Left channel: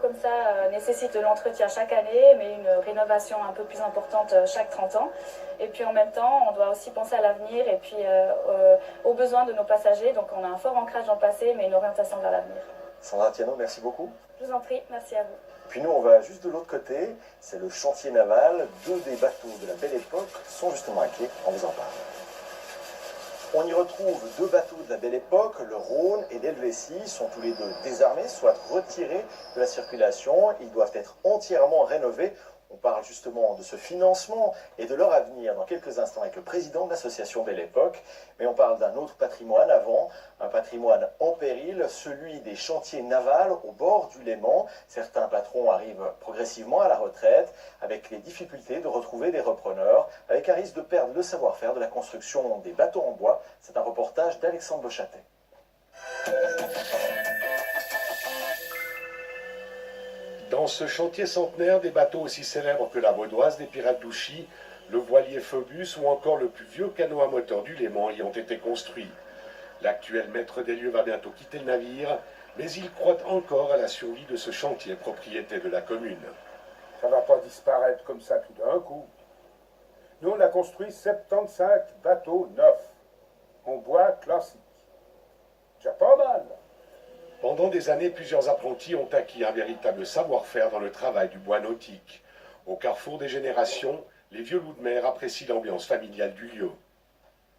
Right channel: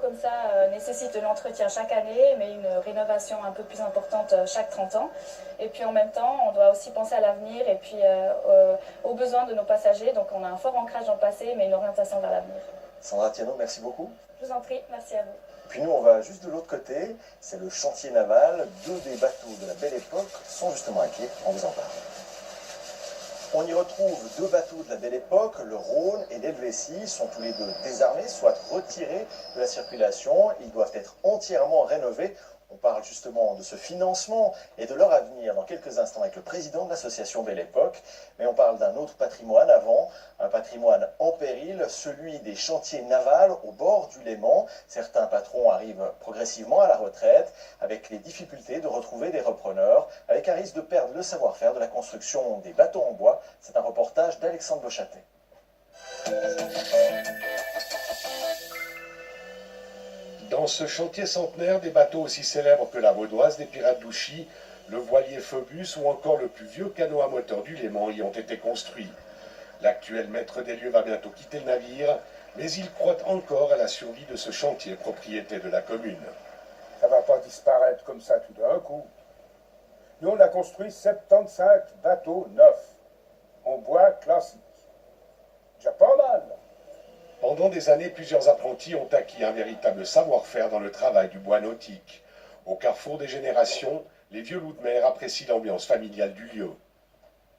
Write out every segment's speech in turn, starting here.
Comme ça nécessite de l'entretien chaque année, mais une rénovation un peu plus importante chaque 30 ans. Et puis en même temps, on doit aussi penser à l'avenir et puis aux besoins de nos passagers. Donc on a un fort ancrage dans le passé, mais une orientation vers l'avenir. Sandra Thienot, merci beaucoup. Je vous en prie, merci à vous. Puis nous, on va juste de l'autre côté, c'est le chantier naval. 2 des bateaux de la Belle Époque sont justement à quai, on vous en parle. On y retrouve 2 bateaux de la Belle Époque, le Rhône et l'Helvétie, sont tous les 2 désarmés, soit retirés de la circulation. Ils doivent être entièrement rénovés. On parle justement de ce financement et de leur avenir dans quelques instants avec le président de l'association Belle Époque. Mais on parle d'un autre patrimoine avant, un patrimoine en péril, celui des chantiers navals au bord du Léman. Certains patrons arrivent progressivement à la retraite avec les difficultés de retrouver des repreneurs, avec un risque de perdre le savoir-faire de la construction des bateaux en bois. C'est un reportage d'Alexandre Beauchâtet. Dans ce chantier centenaire, des bateaux aussi célèbres que la Vaudoise des pirates d'Ouchy, le voilier Phobus ou encore le plus vieux canot à moteur du Léman y ont été construits. L'actuel maître des lieux va bientôt quitter le navire, mais il croit encore à la survie de ce chantier, propriété de la commune. Ça ne va pas disparaître comme ça tout d'un coup. Nous, on a construit 75 bateaux neufs, en bois classique. Déjà pas mal. Pendant des années, plusieurs apprentis ont acquis un véritable savoir-faire dans le travail du bois nautique. Au carrefour des générations, les vieux loups de mer apprécient l'ambiance familiale du lieu.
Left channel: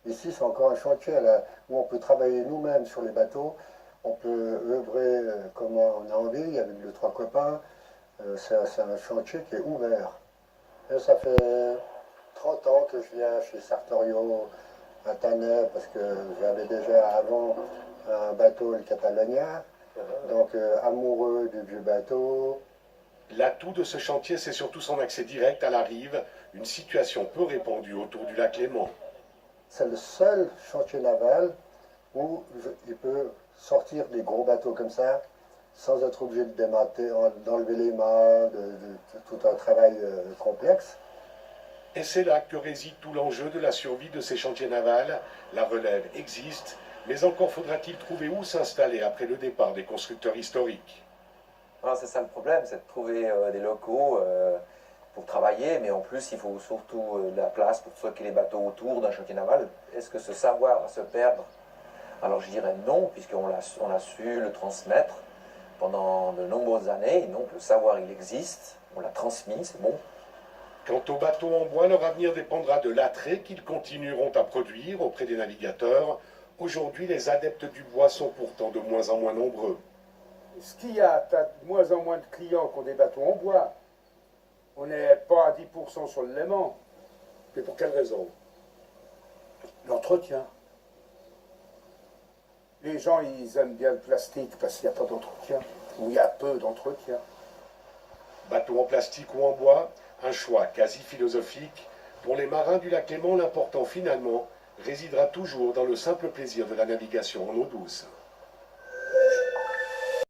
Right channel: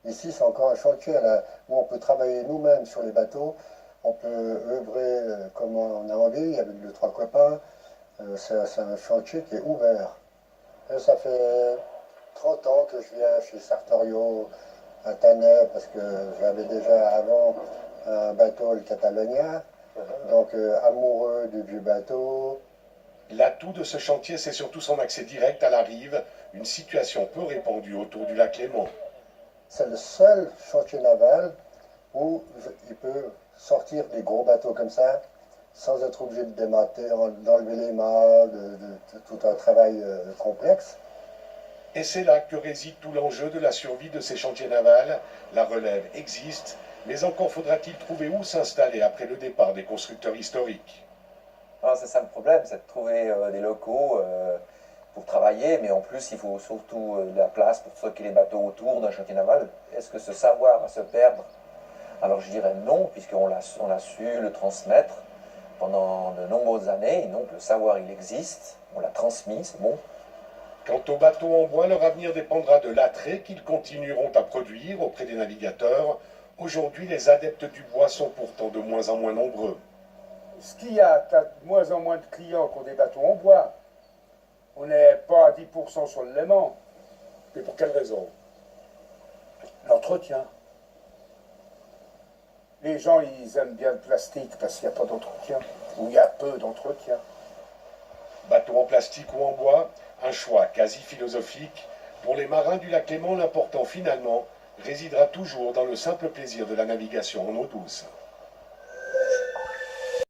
Ici, c'est encore un chantier là, où on peut travailler nous-mêmes sur les bateaux. On peut œuvrer comme on a envie, avec les 3 copains. C'est un chantier qui est ouvert. Et ça fait 30 ans que je viens chez Sartorio à Tanet, parce que j'avais déjà avant un bateau, le Catalogna. Donc amoureux du vieux bateau. L'atout de ce chantier, c'est surtout son accès direct à la rive, une situation peu répandue autour du lac Léman. C'est le seul chantier naval où il peut sortir des gros bateaux comme ça, sans être obligé de démater, d'enlever les mâts, de tout un travail complexe. Et c'est là que réside tout l'enjeu de la survie de ces chantiers navals. La relève existe, mais encore faudra-t-il trouver où s'installer après le départ des constructeurs historiques. C'est ça le problème, c'est de trouver des locaux pour travailler, mais en plus il faut surtout de la place pour stocker les bateaux autour d'un chantier naval. Est-ce que ce savoir va se perdre? Alors je dirais non, puisqu'on a su le transmettre pendant de nombreuses années. Donc le savoir il existe, on l'a transmis, c'est bon. Quant aux bateaux en bois, leur avenir dépendra de l'attrait qu'ils continueront à produire auprès des navigateurs. Aujourd'hui, les adeptes du bois sont pourtant de moins en moins nombreux. Ce qu'il y a, tu as de moins en moins de clients qui ont des bateaux en bois. On n'est pas à 10% sur le Léman. Mais pour quelle raison? L'entretien. Les gens, ils aiment bien le plastique parce qu'il n'y a pas d'entretien, ou il y a peu d'entretien. Bateaux en plastique ou en bois, un choix quasi philosophique. Pour les marins du lac Léman, l'important finalement résidera toujours dans le simple plaisir de la navigation en eau douce.